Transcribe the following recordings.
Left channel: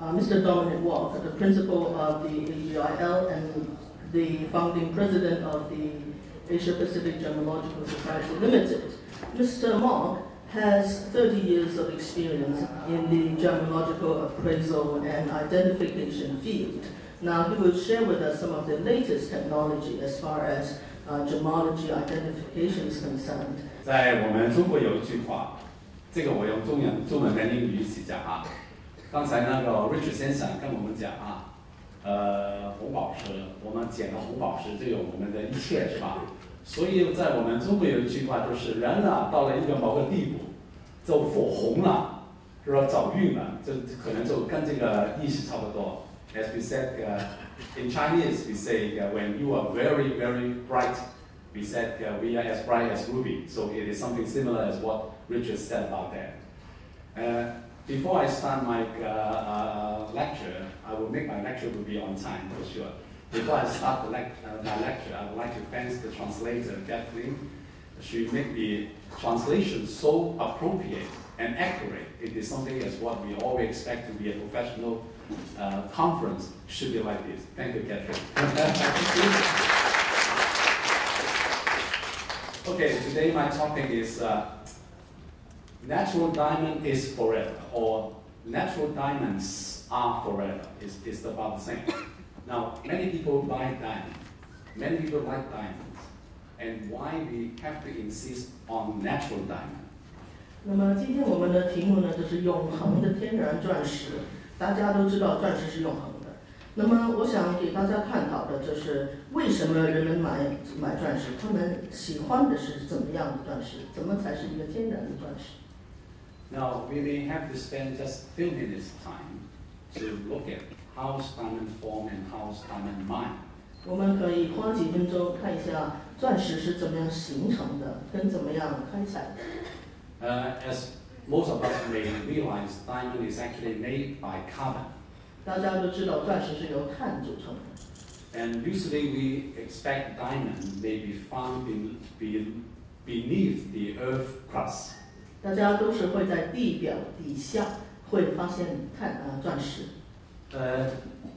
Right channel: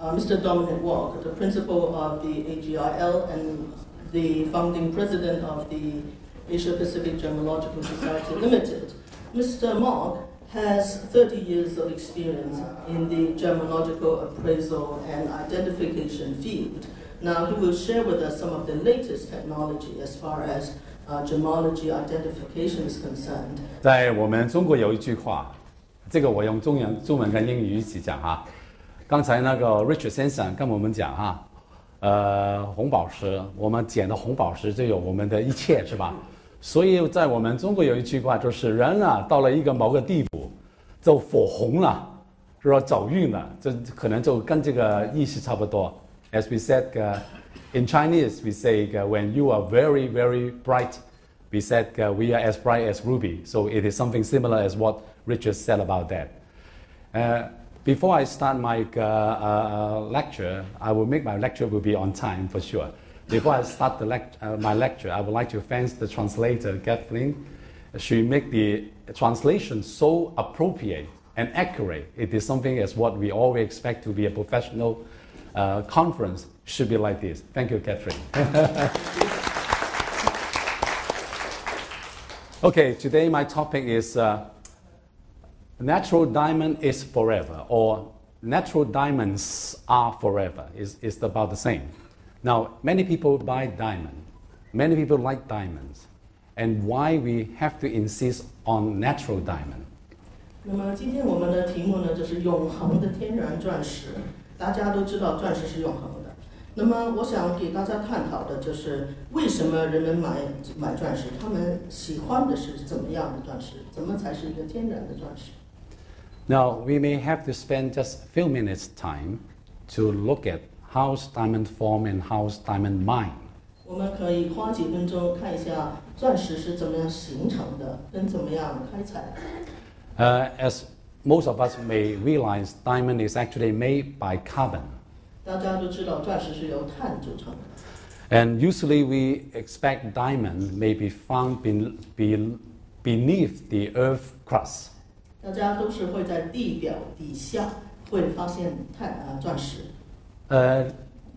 Mr. Dominic Mok, the principal of the AGIL and the founding president of the Asia Pacific Gemmological Society Limited. Mr. Mok has 30 years of experience in the gemmological appraisal and identification field. Now, he will share with us some of the latest technology as far as gemmology identification is concerned. 在我们中国有一句话，这个我用中文跟英语一起讲啊。刚才那个 Richard 先生跟我们讲啊，红宝石，我们捡的红宝石就有我们的一切，是吧？所以在我们中国有一句话，就是人啊，到了一个某个地步，就火红了，是吧？走运了，这可能就跟这个意思差不多。As we said, in Chinese, we say when you are very, very bright, we said we are as bright as ruby. So it is something similar as what Richard said about that. Before I start my lecture, I will make my lecture will be on time for sure. Before I start my lecture, I would like to thank the translator, Kathleen. She make the translation so appropriate and accurate. It is something as what we always expect to be a professional conference should be like this. Thank you, Kathleen. Okay, today my topic is natural diamond is forever, or natural diamonds are forever. It's about the same. Now, many people buy diamonds. Many people like diamonds. And why we have to insist on natural diamond? 那么今天我们的题目呢，就是永恒的天然钻石。大家都知道钻石是永恒的。那么我想给大家探讨的就是为什么人们买钻石，他们喜欢的是怎么样的钻石，怎么才是一个天然的钻石。Now, we may have to spend just a few minutes time to look at how's diamond form and how's diamond mine. 我们可以花几分钟看一下钻石是怎么样形成的，跟怎么样开采。As most of us may realize, diamond is actually made by carbon. 大家都知道钻石是由碳组成的。And usually we expect diamond may be found beneath the earth crust. 大家都是会在地表底下会发现钻石。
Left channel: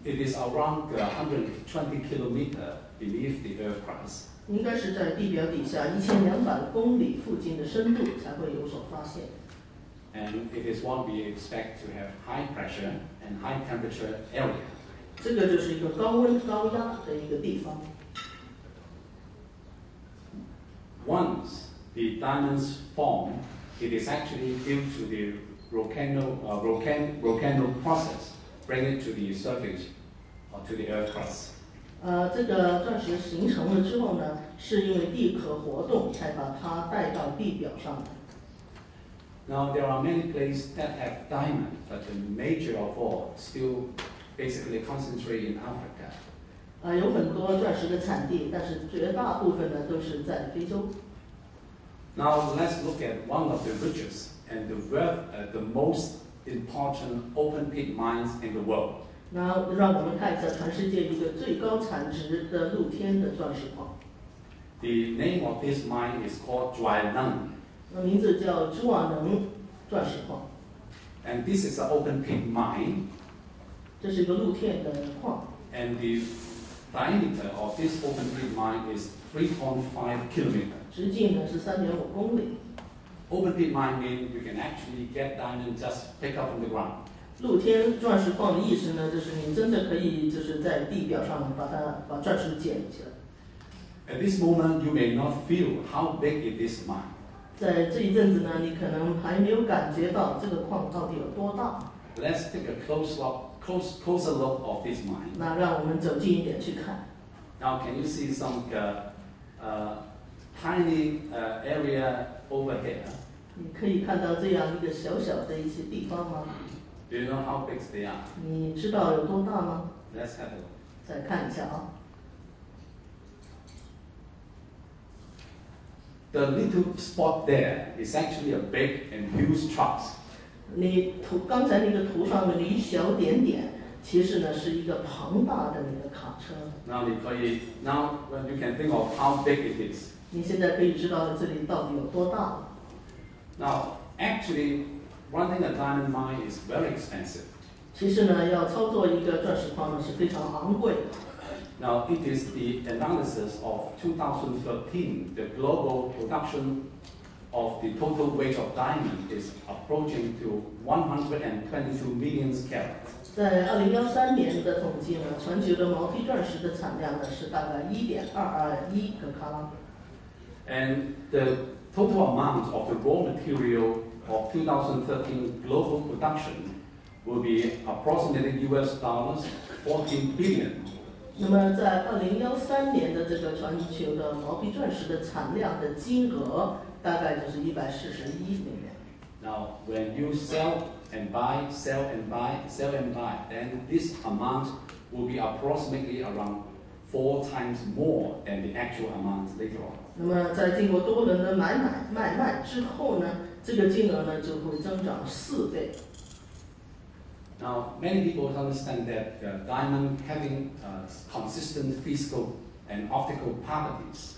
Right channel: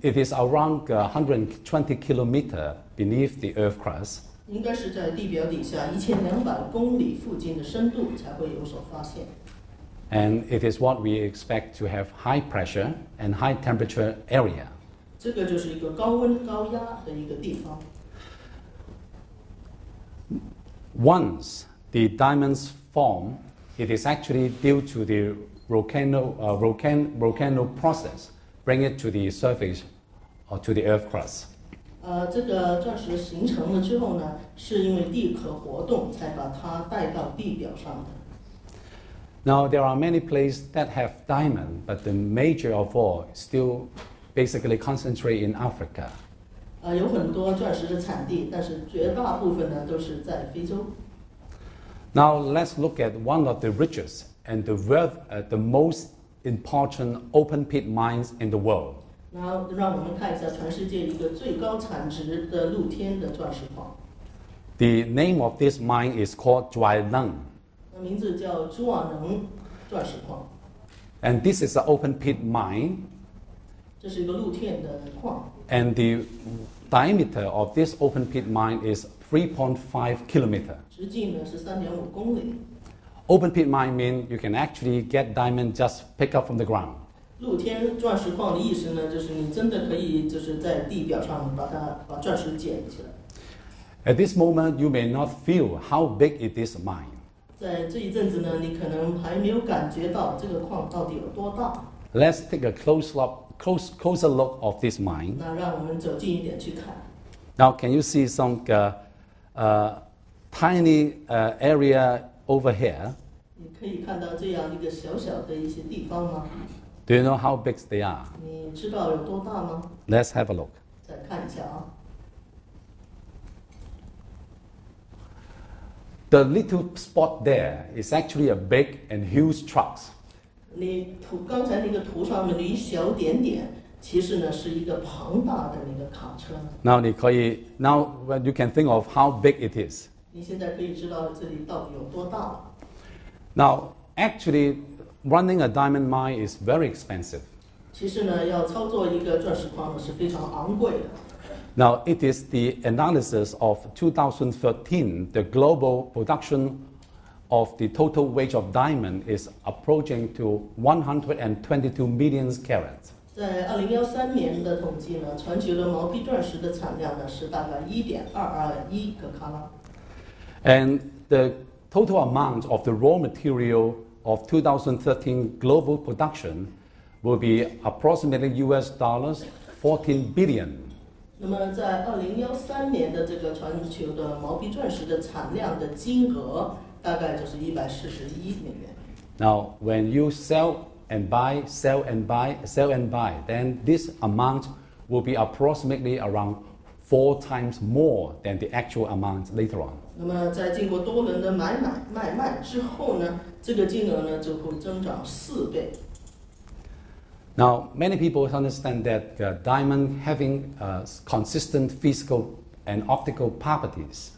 It is around 120 kilometers beneath the earth crust. 应该是在地表底下1200公里附近的深度才会有所发现。And it is what we expect to have high pressure and high temperature area. 这个就是一个高温高压的一个地方。Once the diamonds form, it is actually due to the volcano process, bring it to the surface or to the earth crust. 这个钻石形成了之后呢，是因为地壳活动才把它带到地表上的。Now there are many places that have diamond, but the major of all still basically concentrate in Africa. 有很多钻石的产地，但是绝大部分呢都是在非洲。Now let's look at one of the richest and the most important open pit mines in the world. 然后让我们看一下全世界一个最高产值的露天的钻石矿。The name of this mine is called Dry Lung. 名字叫朱瓦能钻石矿。And this is an open pit mine. 这是一个露天的矿。And the diameter of this open pit mine is 3.5 kilometers. 直径呢是3.5公里。Open pit mine means you can actually get diamond just pick up from the ground. 露天钻石矿的意思呢，就是你真的可以就是在地表上把钻石捡起来。At this moment, you may not feel how big it is mine. 在这一阵子呢，你可能还没有感觉到这个矿到底有多大。Let's take a closer look of this mine. 那让我们走近一点去看。Now, can you see some tiny area over here? 你可以看到这样一个小小的一些地方吗？ Do you know how big they are? 你知道有多大吗？ Let's have a look. 再看一下啊。The little spot there is actually a big and huge truck. 你刚才那个图上的一小点点，其实呢是一个庞大的那个卡车。Now when you can think of how big it is. 你现在可以知道这里到底有多大了。Now, actually, running a diamond mine is very expensive. 其实呢，要操作一个钻石矿呢是非常昂贵的。Now, it is the analysis of 2013, the global production of the total weight of diamond is approaching to 122 million carats. 在2013年的统计呢，全球的毛坯钻石的产量呢是大概1.221个卡拉。And the total amount of the raw material of 2013 global production will be approximately $14 billion. 那么在2013年的这个全球的毛坯钻石的产量的金额大概就是141美元。Now, when you sell and buy, sell and buy, sell and buy, then this amount will be approximately around 4 times more than the actual amount later on. 那么在经过多轮的买卖之后呢，这个金额呢就会增长4倍。Now, many people understand that diamond having consistent physical and optical properties.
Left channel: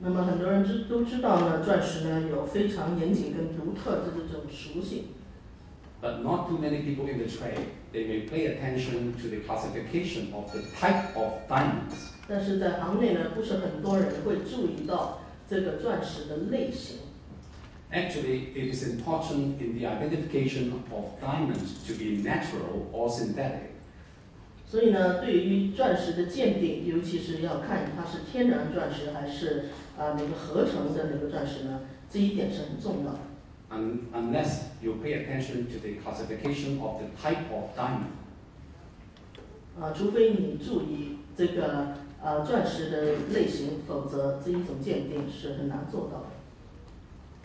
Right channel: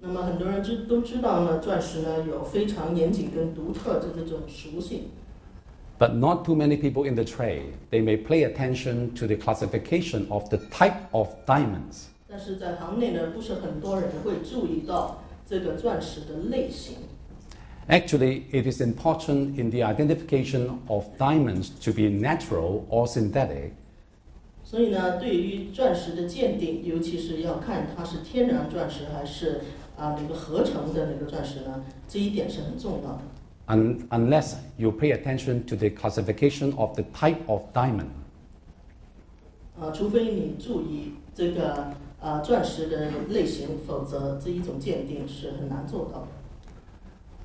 那么很多人都知道呢，钻石呢有非常严谨跟独特的这种属性。But not too many people in the trade. They may pay attention to the classification of the type of diamonds. 但是在行内呢，不是很多人会注意到这个钻石的类型。Actually, it is important in the identification of diamonds to be natural or synthetic. 所以呢，对于钻石的鉴定，尤其是要看它是天然钻石还是那个合成的那个钻石呢，这一点是很重要的。Unless you pay attention to the classification of the type of diamond. 除非你注意这个钻石的类型，否则这一种鉴定是很难做到的。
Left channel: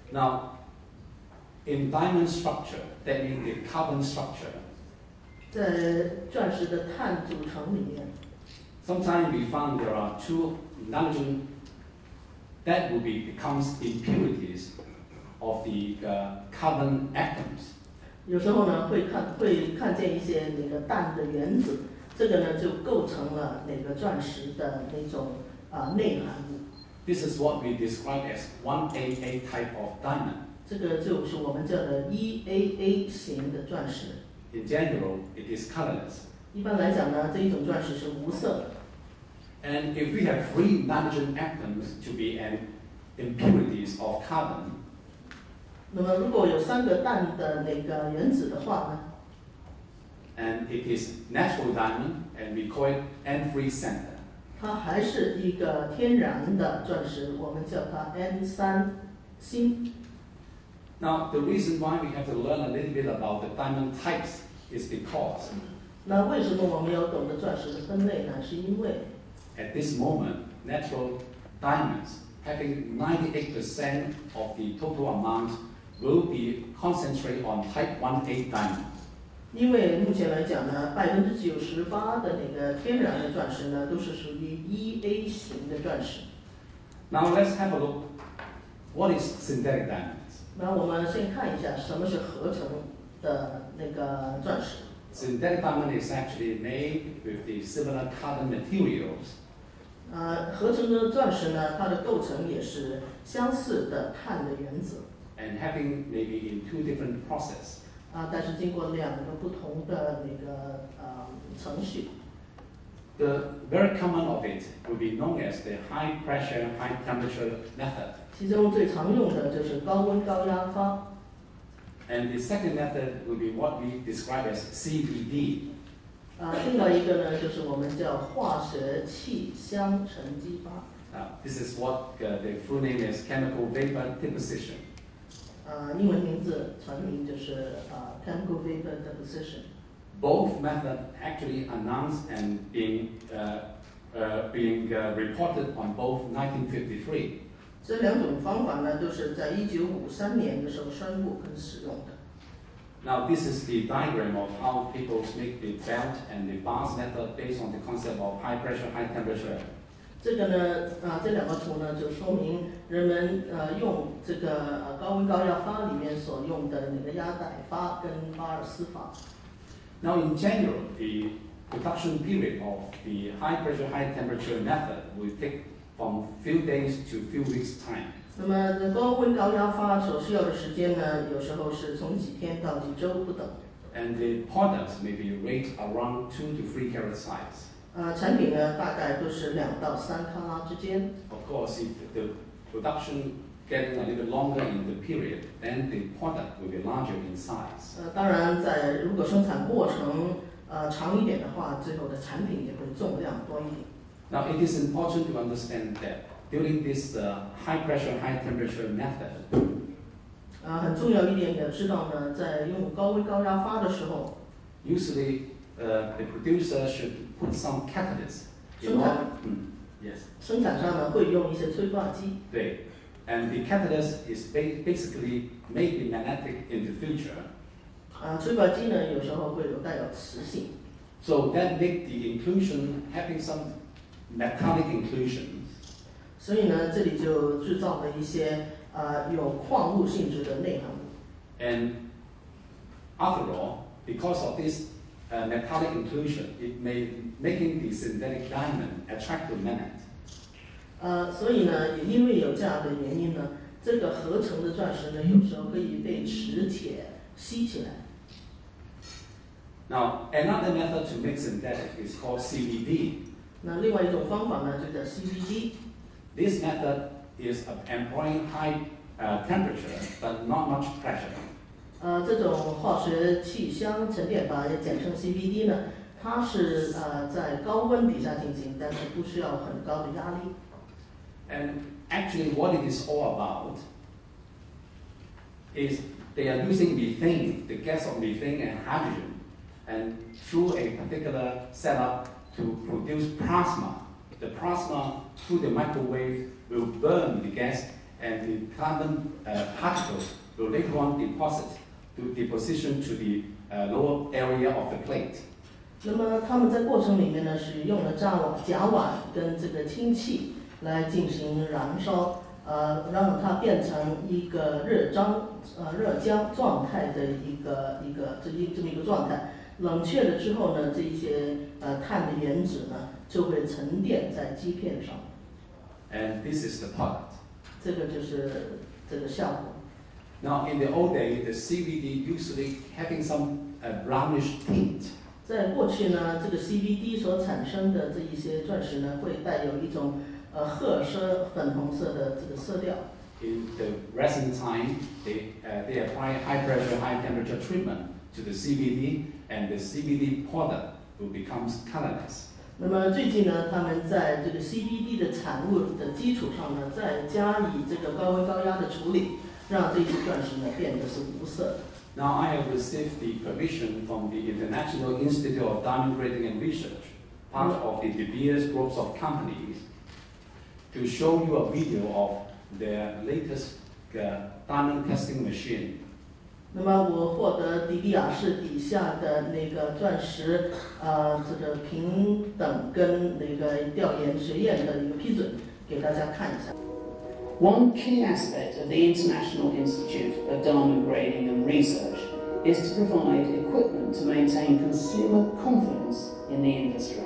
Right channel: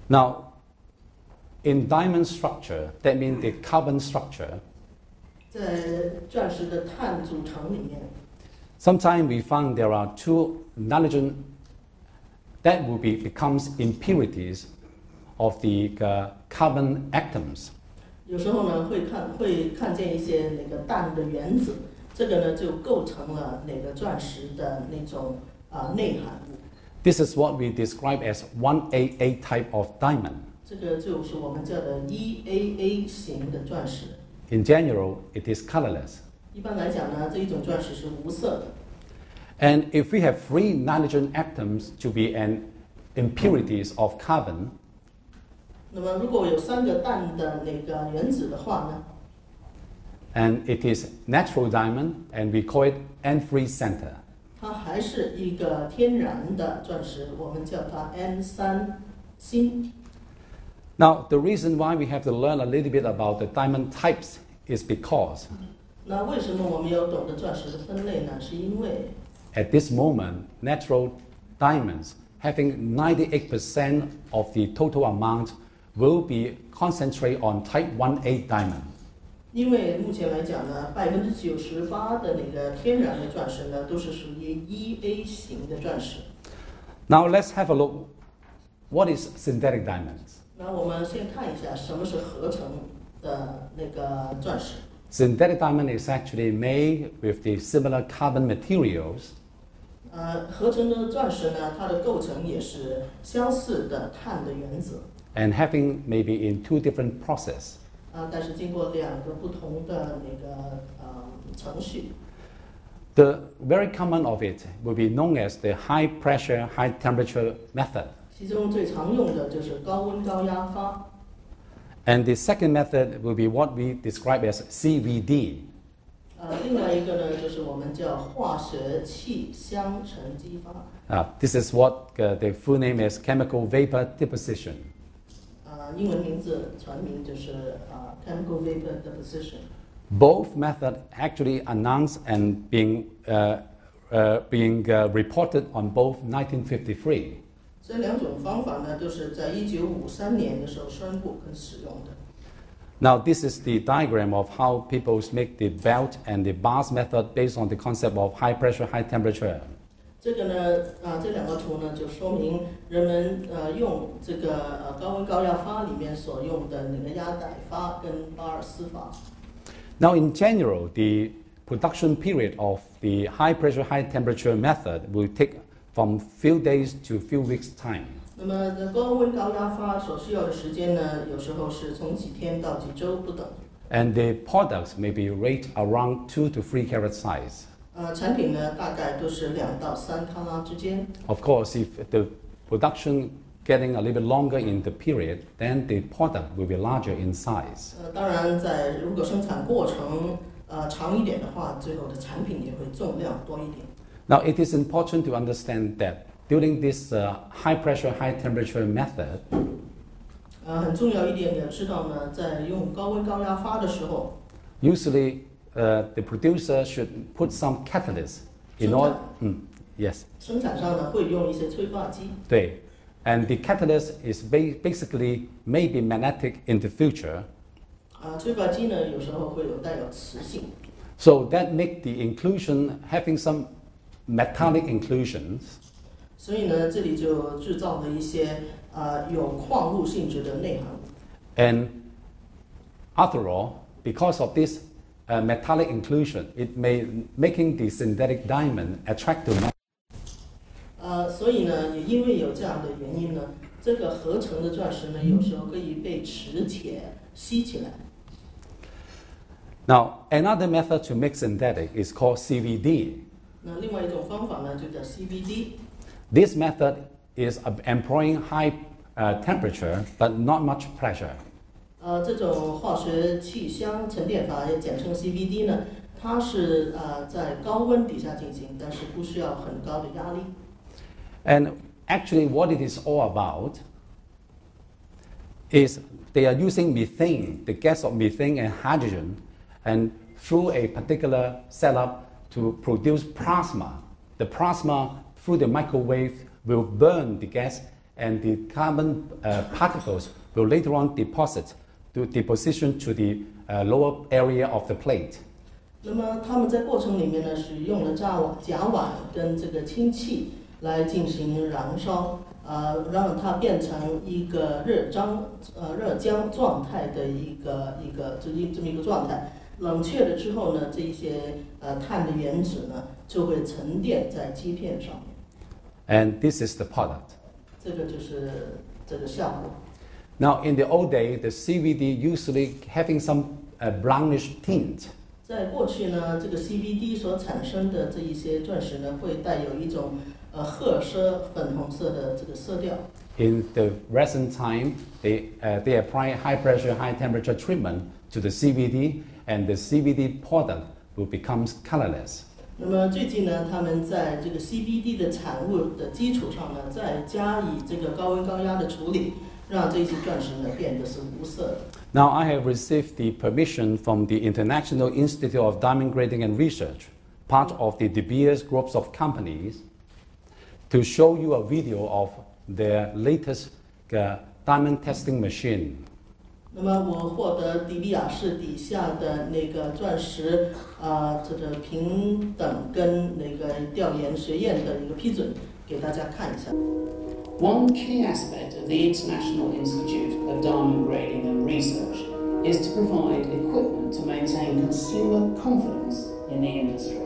Now, in diamond structure, that means the carbon structure. 在钻石的碳组成里面 Sometimes we find there are 2 nitrogen that will becomes impurities of the carbon atoms. 有时候呢会看见一些那个氮的原子，这个呢就构成了那个钻石的那种内含物。This is what we describe as 1AA type of diamond. 这个就是我们叫的 1AA 型的钻石。In general, it is colorless. 一般来讲呢，这一种钻石是无色的。And if we have 3 nitrogen atoms to be an impurities of carbon, 那么如果有3个氮的那个原子的话呢 and it is natural diamond, and we call it N3 center. 它还是一个天然的钻石，我们叫它 N3 锌。Now, the reason why we have to learn a little bit about the diamond types is because 那为什么我们要懂得钻石的分类呢？是因为 at this moment, natural diamonds having 98% of the total amount will be concentrated on type 1A diamond. 因为目前来讲呢，98%的那个天然的钻石呢，都是属于 1A 型的钻石。Now let's have a look. What is synthetic diamonds? 那我们先看一下什么是合成的那个钻石。Synthetic diamond is actually made with the similar carbon materials. 合成的钻石呢，它的构成也是相似的碳的原子。And having maybe in 2 different processes. 但是经过2个不同的那个程序。The very common of it will be known as the high pressure, high temperature method. 其中最常用的就是高温高压发。And the second method will be what we describe as CVD. 另外一个呢，就是我们叫化学气相沉激发。This is what the full name is chemical vapor deposition. 英文名字全名就是chemical vapor deposition. Both methods actually announced and being reported on both 1953. 这2种方法呢，都是在1953年的时候宣布跟使用的。Now, this is the diagram of how people make the belt and the bars method based on the concept of high pressure, high temperature. 这个呢，这2个图呢，就说明人们用这个高温高压发里面所用的那个压带发跟巴尔斯发。Now, in general, the production period of the high pressure, high temperature method will take from few days to few weeks time. 那么高温高压发所需要的时间呢，有时候是从几天到几周不等。and the products may be rate around 2 to 3 carat size. 产品呢大概都是2到3克拉之间。Of course, if the production getting a little bit longer in the period, then the product will be larger in size. 当然如果生产过程长一点的话，最后的产品也会重量多一点。Now, it is important to understand that during this high pressure, high temperature method, 很重要一点也知道呢，在用高温高压发的时候 usually the producer should put some catalyst in order. Yes. 生产商呢会用一些催化剂。对 And the catalyst is basically maybe magnetic in the future. 催化剂呢有时候会带有磁性。So that make the inclusion having some metallic inclusions. 所以呢，这里就制造了一些有矿物性质的内含物。And after all, because of this metallic inclusion, it may making the synthetic diamond attract to magnet. 所以呢，也因为有这样的原因呢，这个合成的钻石呢，有时候可以被磁铁吸起来。Now, another method to make synthetic is called CVD. 那另外一种方法呢，就叫 CVD。This method is employing high temperature but not much pressure. 这种化学气箱沉淀法也简称 CVD 呢，它是在高温底下进行，但是不需要很高的压力。And actually, what it is all about is they are using methane, the gas of methane and hydrogen, and through a particular setup to produce plasma. The plasma through the microwave will burn the gas, and the carbon particles will later on deposition to the lower area of the plate. 那么他们在过程里面呢，是用了甲烷跟这个氢气来进行燃烧，让它变成一个热浆状态的这么一个状态。冷却了之后呢，这一些碳的原子呢就会沉淀在基片上面。And this is the product. 这个就是这个效果。Now, in the old day, the CVD usually having some brownish tint. 在过去呢，这个 CVD 所产生的这一些钻石呢，会带有一种褐色、粉红色的这个色调。In the recent time, they apply high pressure, high temperature treatment to the CVD, and the CVD product will become colorless. 那么最近呢，他们在这个 CVD 的产物的基础上呢，再加以这个高温高压的处理，让这些钻石呢变得是无色的。Now I have received the permission from the International Institute of Diamond Grading and Research, part of the De Beers groups of companies, to show you a video of their latest diamond testing machine. 那么我获得迪比亚市底下的那个钻石这个平等跟那个调研学院的一个批准，给大家看一下。One key aspect of the International Institute of Diamond Grading and Research is to provide equipment to maintain consumer confidence in the industry.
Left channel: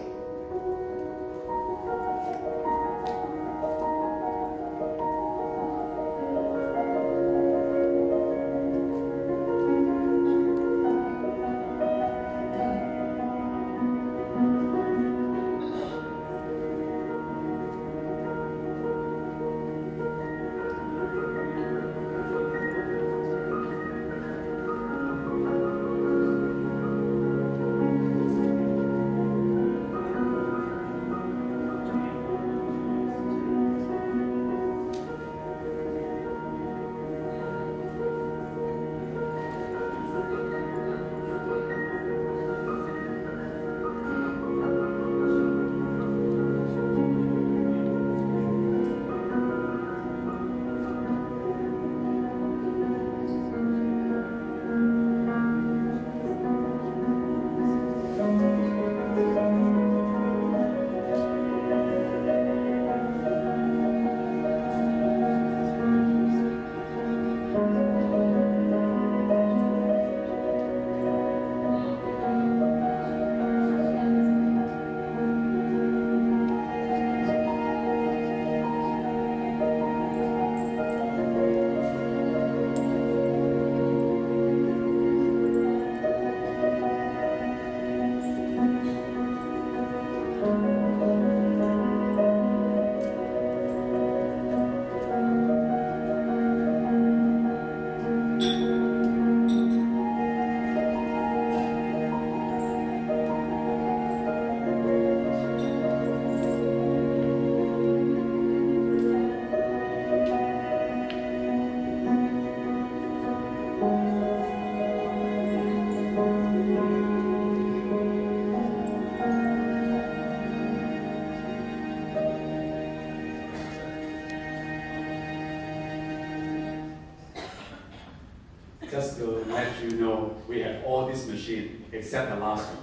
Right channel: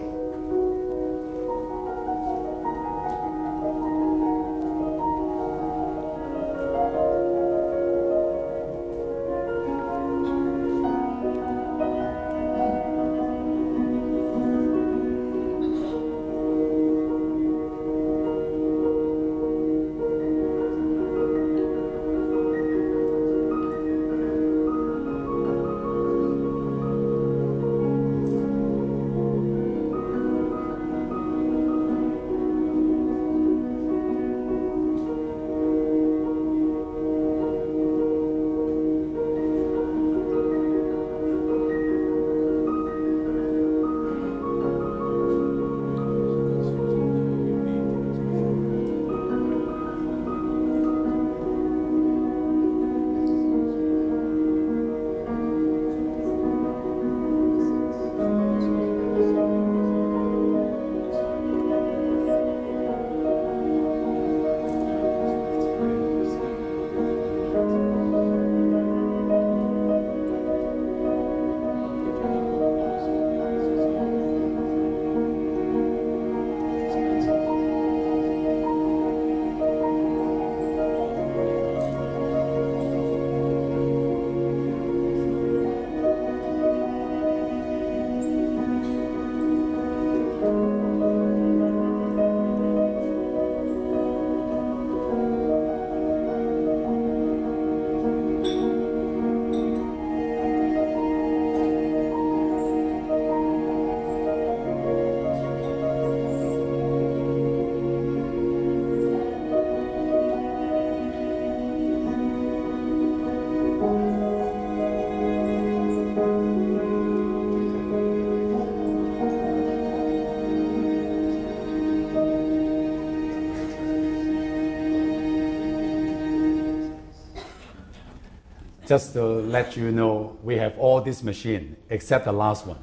Just to let you know, we have all this machine except the last one.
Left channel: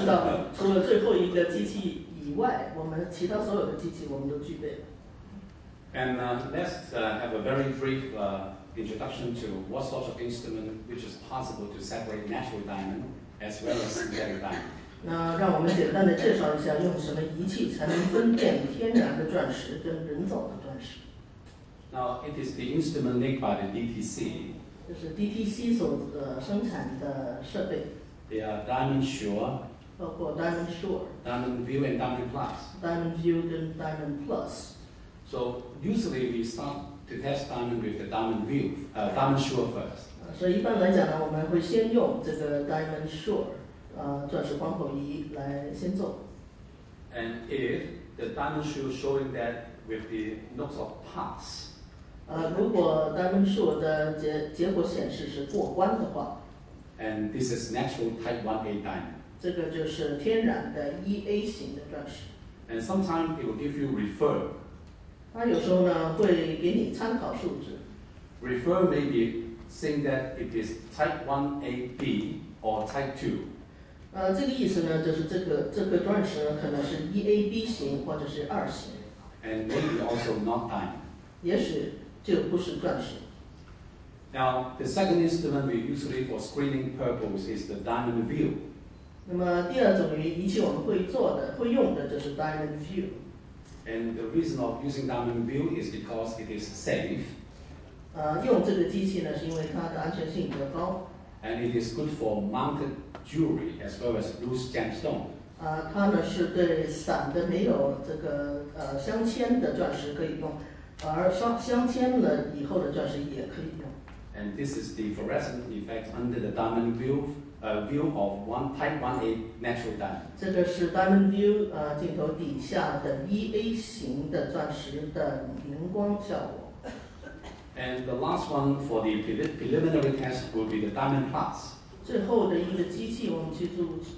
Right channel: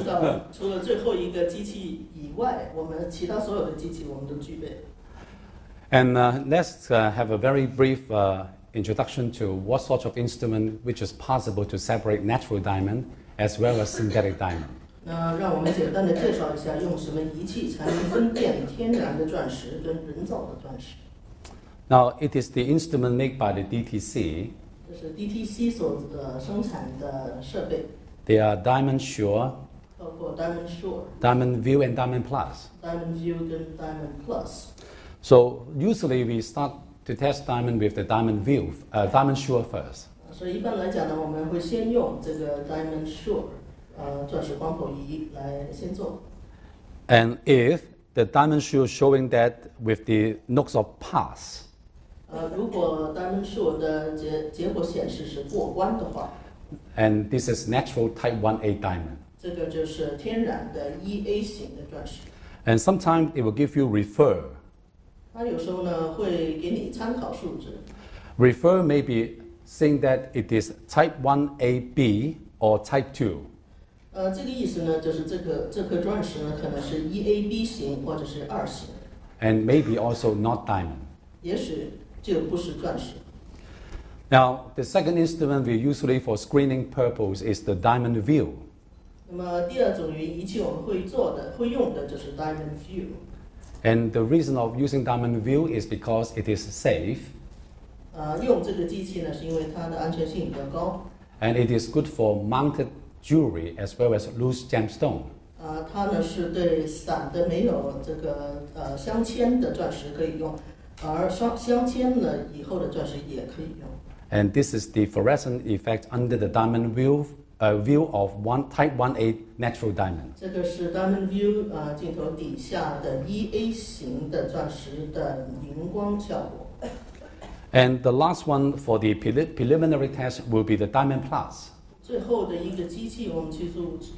知道，除了最后一个机器以外，我们其他所有的机器我们都具备。And let's have a very brief introduction to what sort of instrument which is possible to separate natural diamond as well as synthetic diamond. 让我们简单的介绍一下，用什么仪器才能分辨天然的钻石跟人造的钻石。Now, it is the instrument made by the DTC. 这是 DTC 所生产的设备。They are Diamond Sure, 包括 Diamond Sure, Diamond View, and Diamond Plus. Diamond View 跟 Diamond Plus. So usually we start to test diamond with the Diamond View, Diamond Sure first. 所以一般来讲呢，我们会先用这个 Diamond Sure 钻石光谱仪来先做。And if the Diamond Sure showing that with the knocks of pass, 如果 Diamond Sure 的结果显示是过关的话， and this is natural type 1A diamond. 这个就是天然的 1A 型的钻石。And sometimes it will give you refer. 它有时候呢会给你参考数值。Refer may be saying that it is type 1AB or type 2. 这个意思呢，就是这颗钻石呢可能是 1AB 型或者是2型。And maybe also not diamond. 也许就不是钻石。Now, the second instrument we usually for screening purpose is the diamond view. 那么第二种仪器我们会用的就是 Diamond View。And the reason of using diamond view is because it is safe. 用这个机器呢，是因为它的安全性比较高。And it is good for mounted jewelry as well as loose gemstone. 它呢是对散的没有这个镶嵌的钻石可以用，而镶嵌了以后的钻石也可以用。And this is the fluorescent effect under the diamond view of type 1A natural diamond. 这个是 Diamond View 镜头底下的 1A 型的钻石的荧光效果。And the last one for the preliminary test will be the Diamond Plus. 最后的一个机器，我们去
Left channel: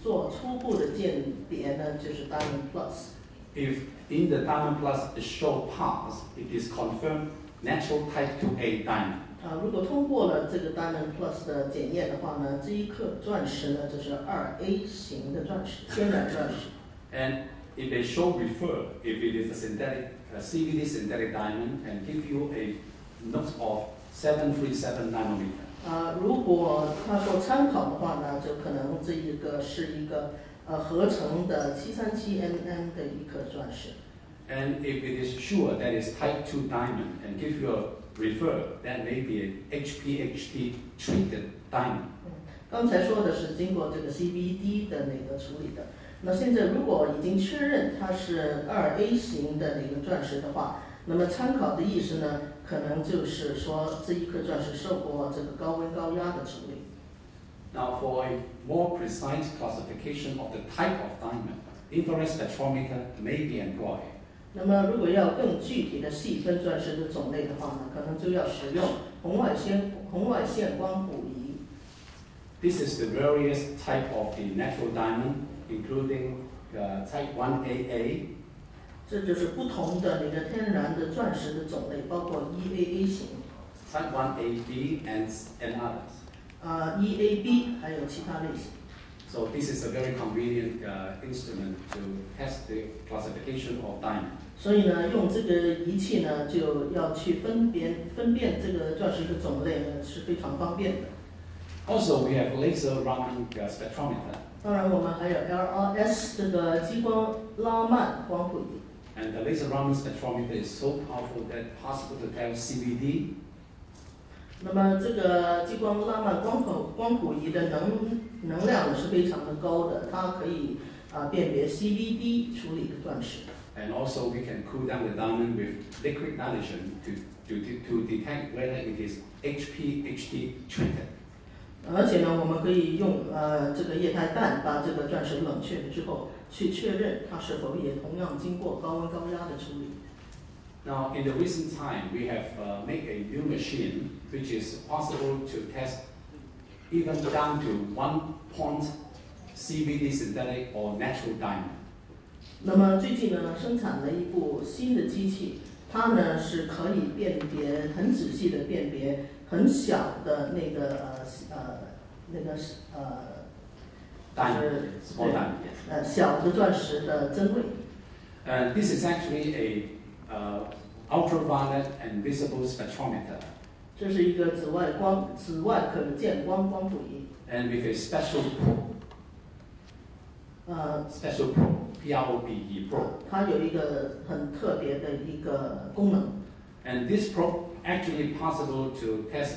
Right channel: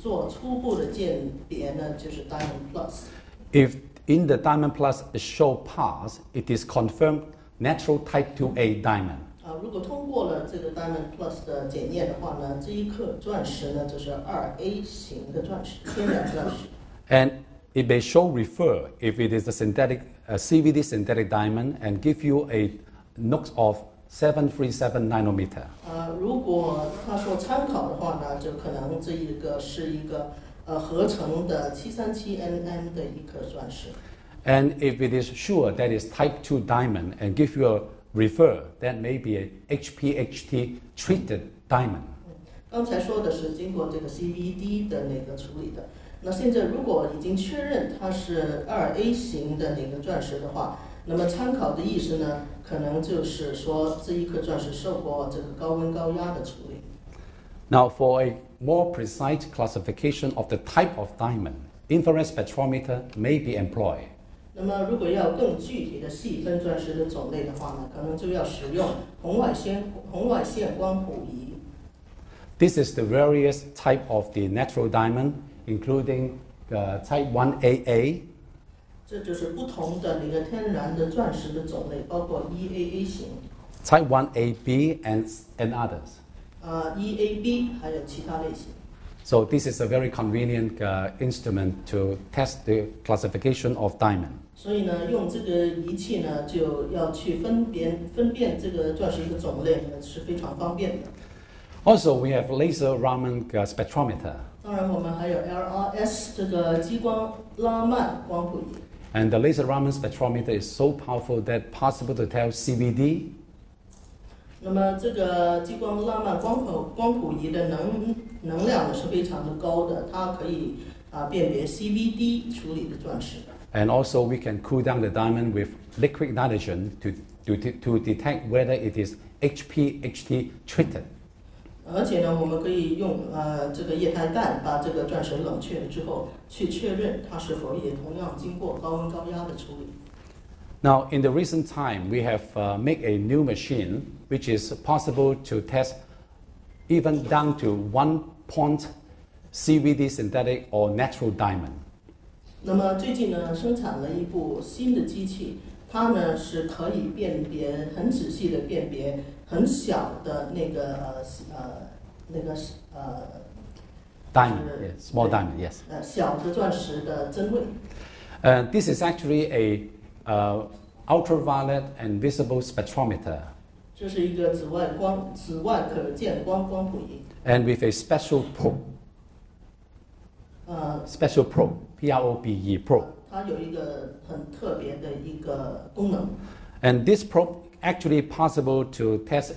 做初步的鉴别呢，就是 Diamond Plus。If in the Diamond Plus it show pass, it is confirmed natural type 2A diamond. 如果通过了这个 Diamond Plus 的检验的话呢，这一颗钻石呢就是 2A 型的钻石，天然钻石。And it may show refer if it is a CVD synthetic diamond and give you a NOx of 737 nanometer. 如果他说参考的话呢，就可能这一个是一个合成的737 mm 的一颗钻石。And if it is sure that is type 2 diamond and give you a refer, that may be a HPHT treated diamond. 刚才说的是经过这个 CVD 的那个处理的。那现在如果已经确认它是2A 型的那个钻石的话，那么参考的意思呢，可能就是说这一颗钻石受过这个高温高压的处理。Now, for a more precise classification of the type of diamond, infrared spectrometer may be employed. 那么，如果要更具体的细分钻石的种类的话呢，可能就要使用红外线光谱仪。This is the various type of the natural diamond, including type 1AA. 这就是不同的那个天然的钻石的种类，包括 1AA 型、type 1AB and others. 1AB 还有其他类型。So this is a very convenient instrument to test the classification of diamond. 所以呢，用这个仪器呢，就要去分辨这个钻石的种类呢，是非常方便的。Also, we have laser Raman spectrometer. 当然，我们还有 LRS 这个激光拉曼光谱仪。And the laser Raman spectrometer is so powerful that possible to tell CVD. 那么这个激光拉曼光谱仪的能量呢是非常的高的，它可以辨别 CVD 处理的钻石。And also we can cool down the diamond with liquid nitrogen to detect whether it is HPHT treated. 而且呢，我们可以用这个液态氮把这个钻石冷却之后，去确认它是否也同样经过高温高压的处理。Now, in the recent time, we have made a new machine which is possible to test even down to 1 point CVD synthetic or natural diamond. 那么最近呢，生产了一部新的机器，它呢是可以很仔细的辨别很小的那个diamond, small diamond, yes. 小的钻石的真伪。This is actually a ultraviolet and visible spectrometer. 这是一个紫外可见光谱仪。And with a special probe. Special probe, P-R-O-B-E, probe. 它有一个很特别的一个功能。And this probe actually possible to test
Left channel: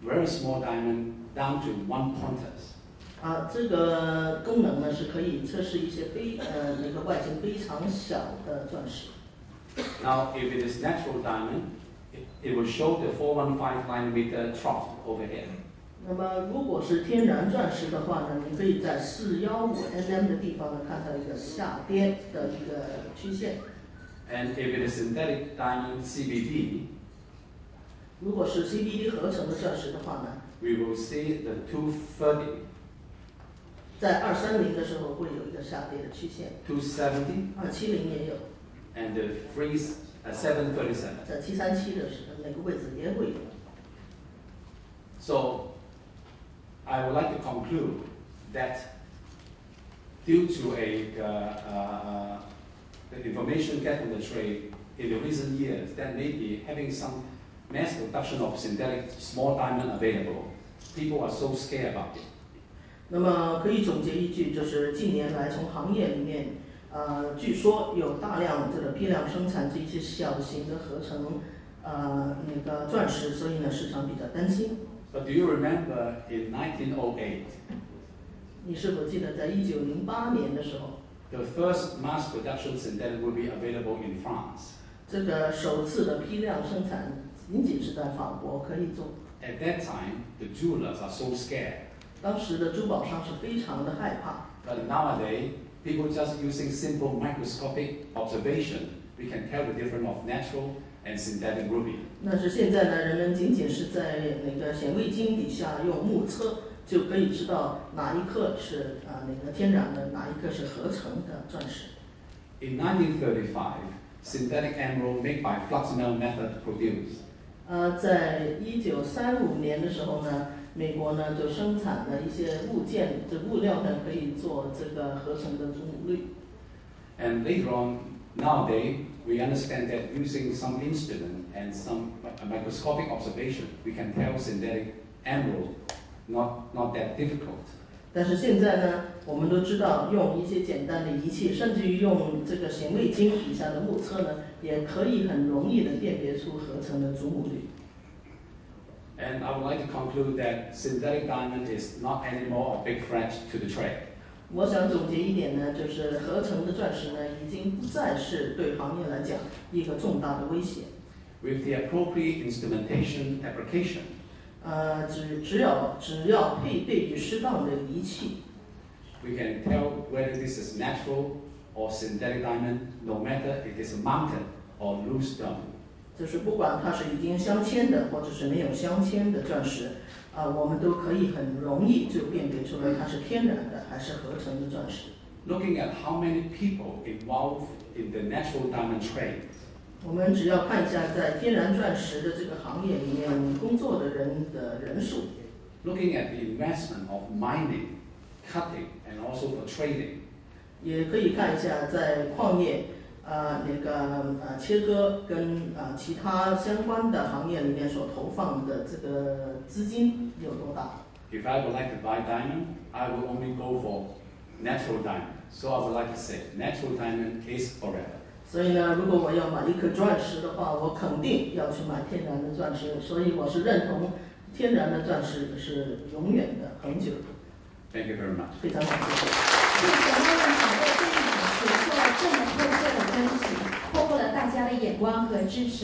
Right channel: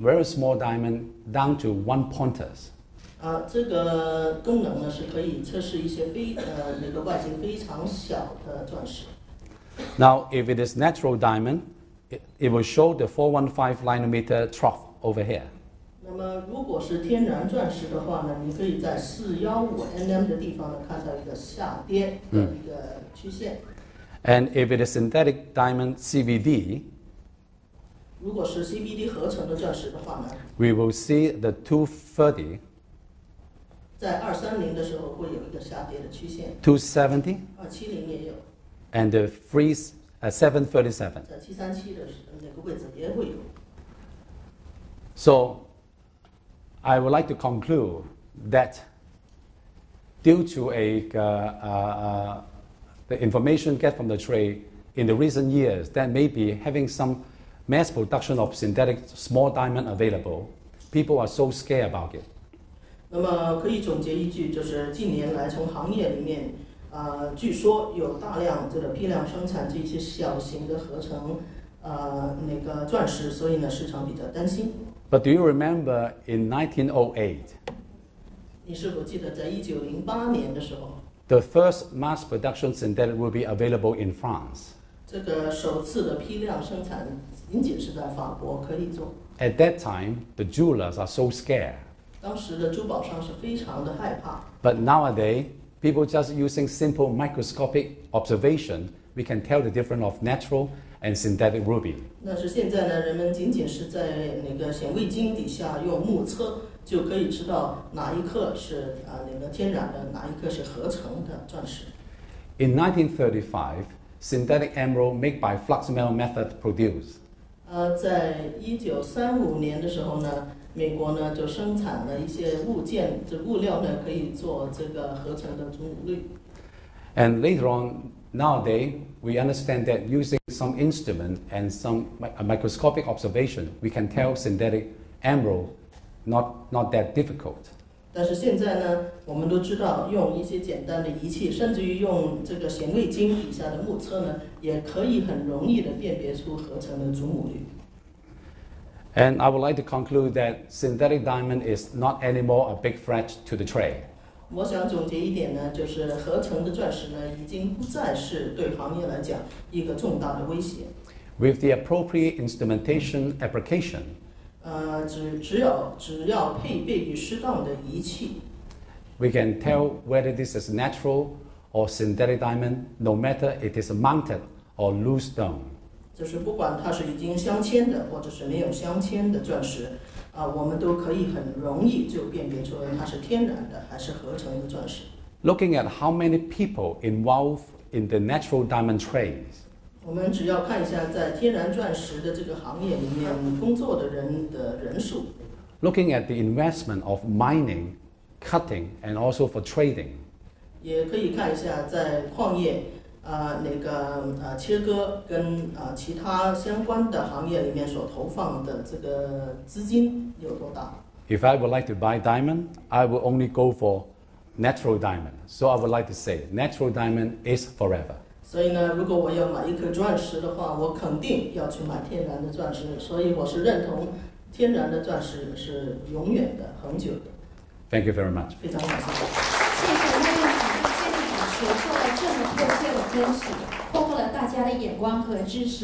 very small diamond down to 1 pointers. 这个功能呢是可以测试一些那个外形非常小的钻石。Now, if it is natural diamond, it will show the 415 nanometer trough over here. 那么，如果是天然钻石的话呢，你可以在415 nm 的地方呢看到一个下跌的一个曲线。And if it is synthetic diamond CVD, 如果是 CVD 合成的钻石的话呢 we will see the 230, 在230的时候会有一个下跌的曲线。270, 270也有。and the 737. 在737的那个位置也会有。So, I would like to conclude that due to the information get from the trade in the recent years, that maybe having some mass production of synthetic small diamond available, people are so scared about it. 那么可以总结一句，就是近年来从行业里面，据说有大量这个批量生产这一些小型的合成那个钻石，所以呢市场比较担心。But do you remember in 1908? 你是否记得在1908年的时候， The first mass production synthetic will be available in France. 这个首次的批量生产仅仅是在法国可以做。At that time, the jewelers are so scared. 当时的珠宝商是非常的害怕。But nowadays, people just using simple microscopic observation, we can tell the difference of natural and synthetic ruby. 那是现在呢，人们仅仅是在那个显微镜底下用目测，就可以知道哪一颗是那个天然的，哪一颗是合成的钻石。In 1935, synthetic emerald made by flux melt method produced. 在1935年的时候呢，美国呢就生产了一些物料呢，可以做这个合成的祖母绿。And later on, nowadays, we understand that using some instrument and some microscopic observation, we can tell synthetic emerald not that difficult. 但是现在呢，我们都知道用一些简单的仪器，甚至于用这个显微镜底下的目测呢，也可以很容易的辨别出合成的祖母绿。And I would like to conclude that synthetic diamond is not anymore a big threat to the trade. 我想总结一点呢，就是合成的钻石呢，已经不再是对行业来讲一个重大的威胁。With the appropriate instrumentation application, 只要配备于适当的仪器， we can tell whether this is natural or synthetic diamond, no matter it is mounted or loose stone. 就是不管它是已经镶嵌的，或者是没有镶嵌的钻石，我们都可以很容易就辨别出来它是天然的还是合成的钻石。Looking at how many people involved in the natural diamond trade, 我们只要看一下在天然钻石的这个行业里面工作的人的人数。looking at the investment of mining, cutting, and also for trading, 也可以看一下在矿业切割跟其他相关的行业里面所投放的这个资金有多大。If I would like to buy diamond, I will only go for natural diamond. So I would like to say, natural diamond is forever. 所以呢，如果我要买一颗钻石的话，我肯定要去买天然的钻石。所以我是认同天然的钻石是永远的、恒久的。Thank you very much. 非常感谢。谢谢在现场所做了这么透彻的分析，获得了大家的眼光和支持。